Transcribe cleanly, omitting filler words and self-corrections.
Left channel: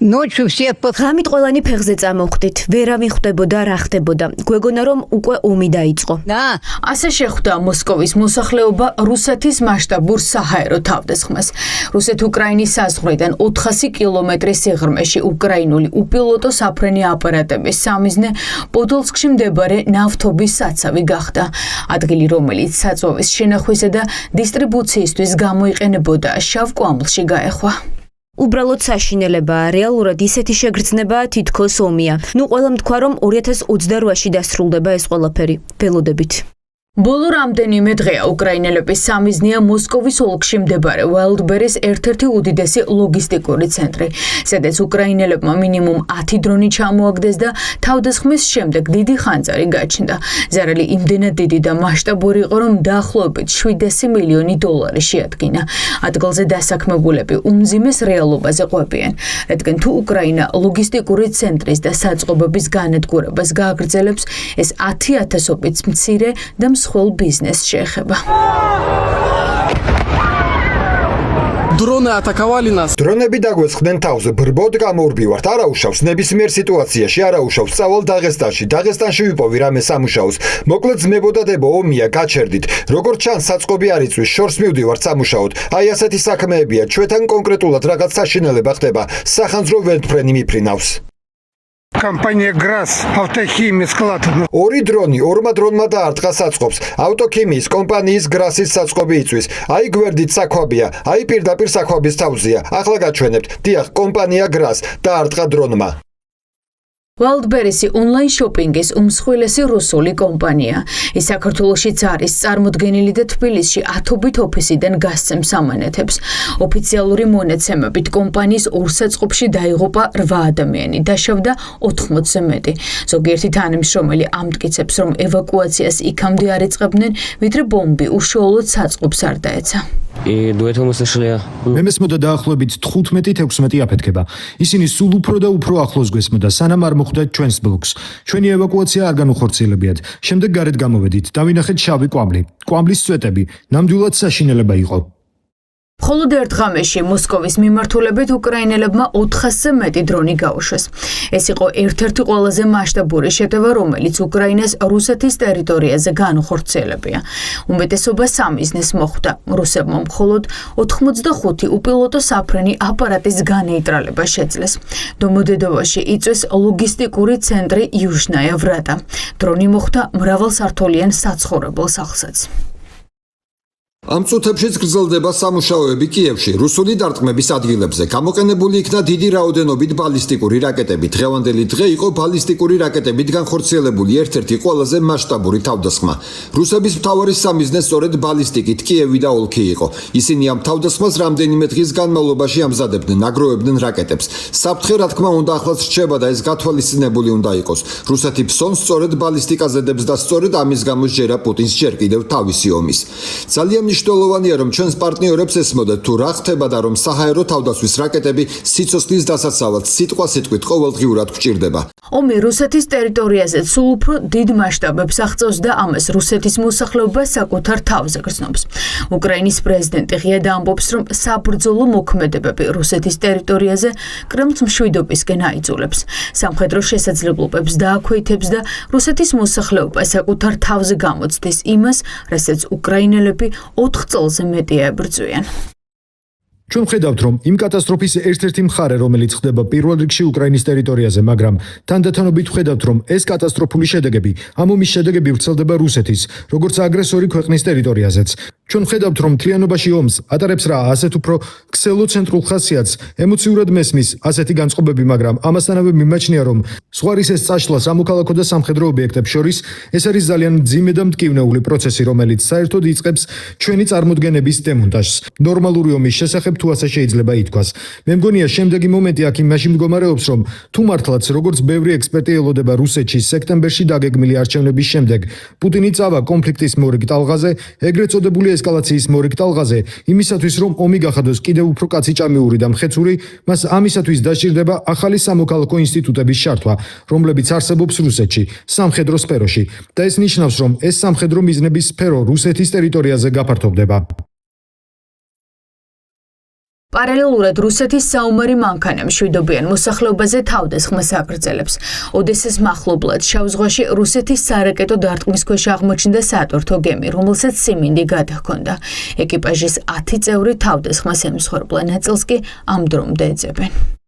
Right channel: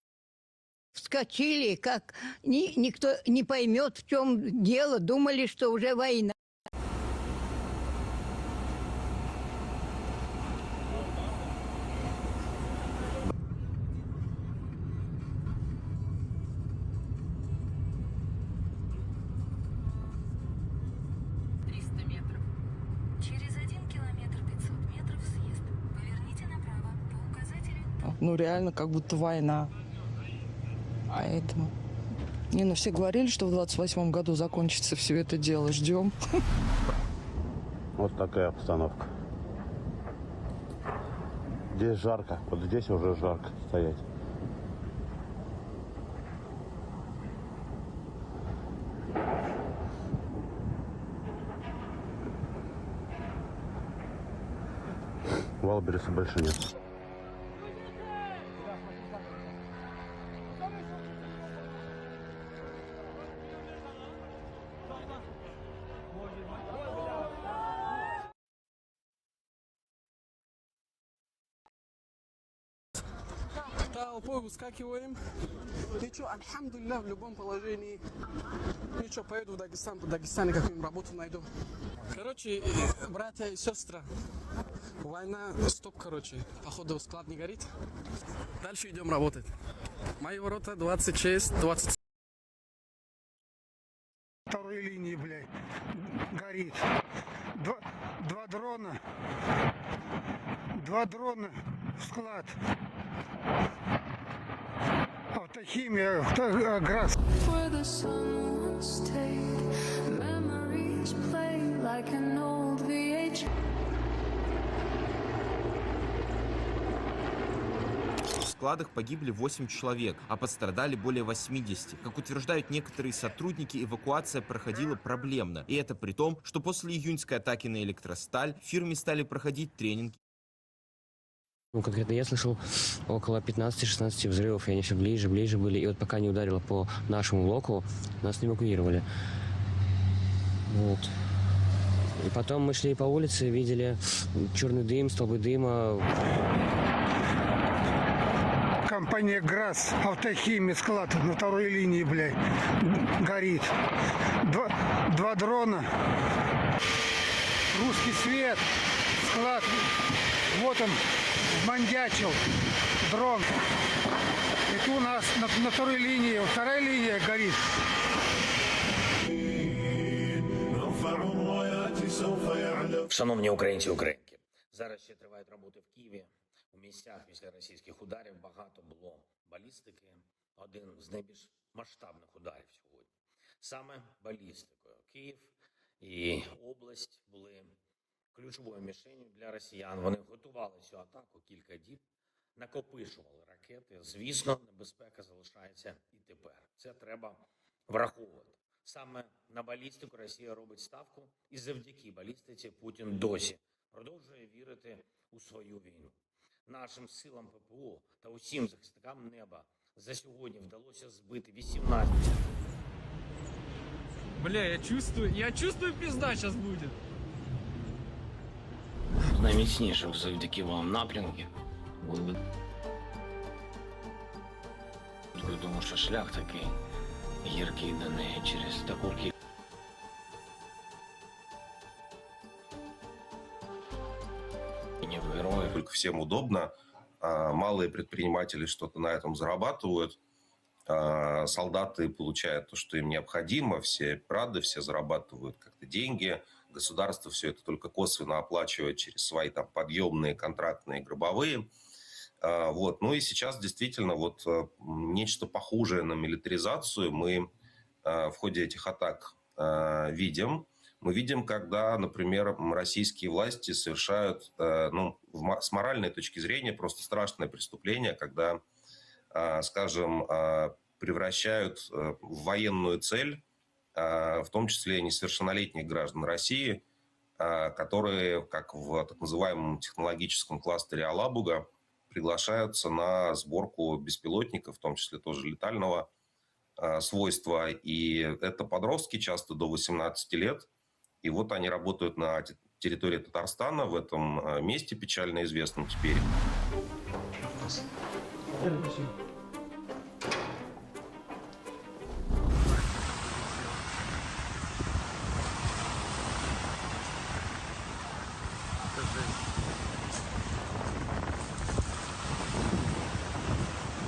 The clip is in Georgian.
ღამით ყველანი ფეხზე წამოვხდით, ვერავინ ხვდებოდა რა ხდებოდა. გვეგონა რომ უკვე ომი დაიწყო. ასე შეხვდა მოსკოვის მოსახლეობა რუსეთის მასშტაბურ საჰაერო თავდასხმას. რუსეთ-უკრაინის საზღვრიდან 400 კილომეტრის სიღრმეში უკრაინული უპილოტო საფრენი აპარატების სამიზნე პოდოლსკში მდებარე ნავთობის საცავი გახდა. ადგილი, რომელიც საწვავის შენახვისა და დისტრიბუციისთვის გამოიყენებოდა, შავ კვამლში გაეხვა. უბრალოდ საშინელებაა, რეალურად ისეთი შეგრძნებაა, თითქოს ომია. ყველამ თქვა რომ 2028-ში დასრულდება ეს ყველაფერი. ველოდებით. ბოლო რამდენიმე დღეა უკრაინელების სამიზნეა მოსკოვის ოლქში მდებარე ვალდბერის ერთ-ერთი უდიდესი ლოგისტიკური ცენტრი, სადაც უკრაინელებმა მინიმუმ 10 დრონი ჩამოაგდეს და თავდასხმის შემდეგ დიდი ხანძარი გაჩნდა. ზარალი იმდენად დიდი და მასშტაბური იყო, რომ დაახლოებით 700 მილიონი დოლარი შეადგინა. ადგილზე დასაქმებულები უმძიმეს რეალობაზე ყვებიან, რადგან თუ უკრაინა ლოგისტიკური ცენტრის და საწყობების განადგურებას გააგრძელებს, ეს 10,000-ობით მცირე და მსხვილ ბიზნესს შეეხება. Дроны атаковали нас. Дронები დაგვესხდნენ თავზე, ბრბოდ გამოურბივართ, არა უშავს ნებისმიერ სიტუაციაში, არა უშავს წავალ დაღესტანში. დაღესტანში ვიპოვი რამე სამუშაოს. მოკლედ ძმებოდა-დებო ომია, გაჩერდით. როგორც ჩანს, საწყობი არ იწვის, შორს მივდივართ სამუშაოდ. აი ასეთი საქმეებია, ჩვენთან კონკრეტულად რაღაც საშინელება ხდება. სახანძრო ვერტფრენი მიფრინავს. Компания ГРАС, автохимия склад. ორი დრონი, ორმა დრონმა დაარტყა საწყობს. ავტოქიმიის კომპანიის გრასის საწყობი იწვის. აი გვერდით საქვაბია, აი პირდაპირ საქვაბის თავზია. ახლა გაჩვენებთ. დიახ, კომპანია გრას დაარტყა დრონმა. ვალდბერისი ონლაინ შოპინგის უმსხვილესი რუსული კომპანია. ის საქართველოშიც არის წარმოდგენილი და თბილისში ათობით ოფისიდან გასცემს ამანათებს. ოფიციალური მონაცემებით კომპანიის ორ საწყობში დაიღუპა 8 ადამიანი, დაშავდა 80-ზე მეტი. ზოგიერთი თანამშრომელი ამტკიცებს, რომ ევაკუაციას იქამდე არ იწყებდნენ, ვიდრე ბომბი უშუალოდ საწყობს არ დაეცა. მე მესმოდა დაახლოებით 15-16 აფეთქება. ისინი სულ უფრო და უფრო ახლოს გვესმოდა, სანამ არ მოხვდა ჩვენს ბლოკს. ჩვენი ევაკუაცია არ განუხორციელებიათ. შემდეგ გარეთ გამოვედით, დავინახეთ შავი კვამლი, კვამლის წვეტები. ნამდვილად საშინელება იყო. მხოლოდ ერთ ღამეში მოსკოვის მიმართულებით უკრაინელებმა 400-ზე მეტი დრონი გაუშვეს. ეს იყო ერთ-ერთი ყველაზე მასშტაბური შეტევა, რომელიც უკრაინას რუსეთის ტერიტორიაზე განუხორციელებია. უმეტესობა სამიზნეს მოხვდა. რუსებმა მხოლოდ 85 უპილოტო საფრენი აპარატის განეიტრალება შეძლეს. დომოდედოვოში იწვეს ლოგისტიკური ცენტრი იუჟნაია ვრატა. დრონი მოხვდა მრავალსართულიან საცხოვრებელ სახლსაც. ამ წუთებშიც გრძელდება სამუშაოები კიევში, რუსული დარტყმების ადგილებზე. გამოყენებული იქნა დიდი რაოდენობით ბალისტიკური რაკეტები. დღევანდელი დღე იყო ბალისტიკური რაკეტებით განხორციელებული ერთ-ერთი ყველაზე მასშტაბური თავდასხმა. რუსების მთავარი სამიზნე სწორედ ბალისტიკით კიევი და ოლქი იყო. ისინი ამ თავდასხმას რამდენიმე დღის განმავლობაში ამზადებდნენ, აგროვებდნენ რაკეტებს. საფრთხე, რა თქმა უნდა, ახლაც რჩება და ეს გათვალისწინებული უნდა იყოს. რუსეთი ფსონს სწორედ ბალისტიკაზე დებს და სწორედ ამის გამო ჯერა პუტინს ჯერ კიდევ თავისი ომის. ძალიან მნიშვნელოვანია, რომ ჩვენს პარტნიორებს ესმოდეთ თუ რა ხდება და რომ საჰაერო თავდასხმის რაკეტები სიცოცხლის დასაცავად სიტყვასიტყვით ყოველდღიურად გვჭირდება. ომი რუსეთის ტერიტორიაზე სულ უფრო დიდ მასშტაბებს აღწევს და ამას რუსეთის მოსახლეობა საკუთარ თავზე გრძნობს. უკრაინის პრეზიდენტი ღიად ამბობს, რომ საბრძოლო მოქმედებები რუსეთის ტერიტორიაზე კრემლს მშვიდობისკენ აიძულებს. სამხედრო შესაძლებლობებს დააქვეითებს და რუსეთის მოსახლეობა საკუთარ თავზე გამოცდის იმას, რასაც უკრაინელები 4 წელზე მეტია ებრძვიან. ჩვენ ვხედავთ, რომ იმ კატასტროფის ერთ-ერთი მხარე, რომელიც ხდება პირველ რიგში უკრაინის ტერიტორიაზე, მაგრამ თანდათანობით ვხედავთ, რომ ეს კატასტროფული შედეგები, ამ ომის შედეგები ვრცელდება რუსეთის, როგორც აგრესორი ქვეყნის ტერიტორიაზეც. ჩვენ ვხედავთ, რომ მთლიანობაში ომს ატარებს რა ასეთ უფრო ქსელოცენტრულ ხასიათს, ემოციურად მესმის ასეთი განწყობები, მაგრამ ამასთანავე მიმაჩნია, რომ ზღვარის ეს წაშლა სამოქალაქო და სამხედრო ობიექტებს შორის ეს არის ძალიან მძიმე და მტკივნეული პროცესი, რომელიც საერთოდ იწყებს ჩვენი წარმოდგენების დემონტაჟს. ნორმალური ომის შესახებ თუ ასე შეიძლება ითქვას. მე მგონია შემდეგი მომენტი აქ იმაში მდგომარეობს, რომ თუ მართლაც როგორც ბევრი ექსპერტი ელოდება რუსეთში სექტემბერში დაგეგმილი არჩევნების შემდეგ პუტინი წავა კონფლიქტის მორიგ ტალღაზე, ეგრეთ წოდებული ესკალაციის მორიგ ტალღაზე, იმისათვის რომ ომი გახადოს კიდევ უფრო კაციჭამიური და მხეცური, მას ამისათვის დაჭირდება ახალი სამოქალაქო ინსტიტუტების ჩართვა, რომლებიც არსებობს რუსეთში, სამხედრო სფეროში. და ეს ნიშნავს, რომ ეს სამხედრო მიზნების სფერო რუსეთის ტერიტორიაზე გაფართოვდება. месте печально известном теперь. პარალელურად რუსეთის საომარი მანქანა მშვიდობიან მოსახლეობაზე თავდასხმას აგრძელებს. ოდესის მახლობლად შავ ზღვაში რუსეთის სარაკეტო დარტყმის ქვეშ აღმოჩნდა სატვირთო გემი, რომელსაც სიმინდი გადაჰქონდა. ეკიპაჟის 10 წევრი თავდასხმას ემსხვერპლა, ნაწილს კი ამ დრომდე ეძებენ.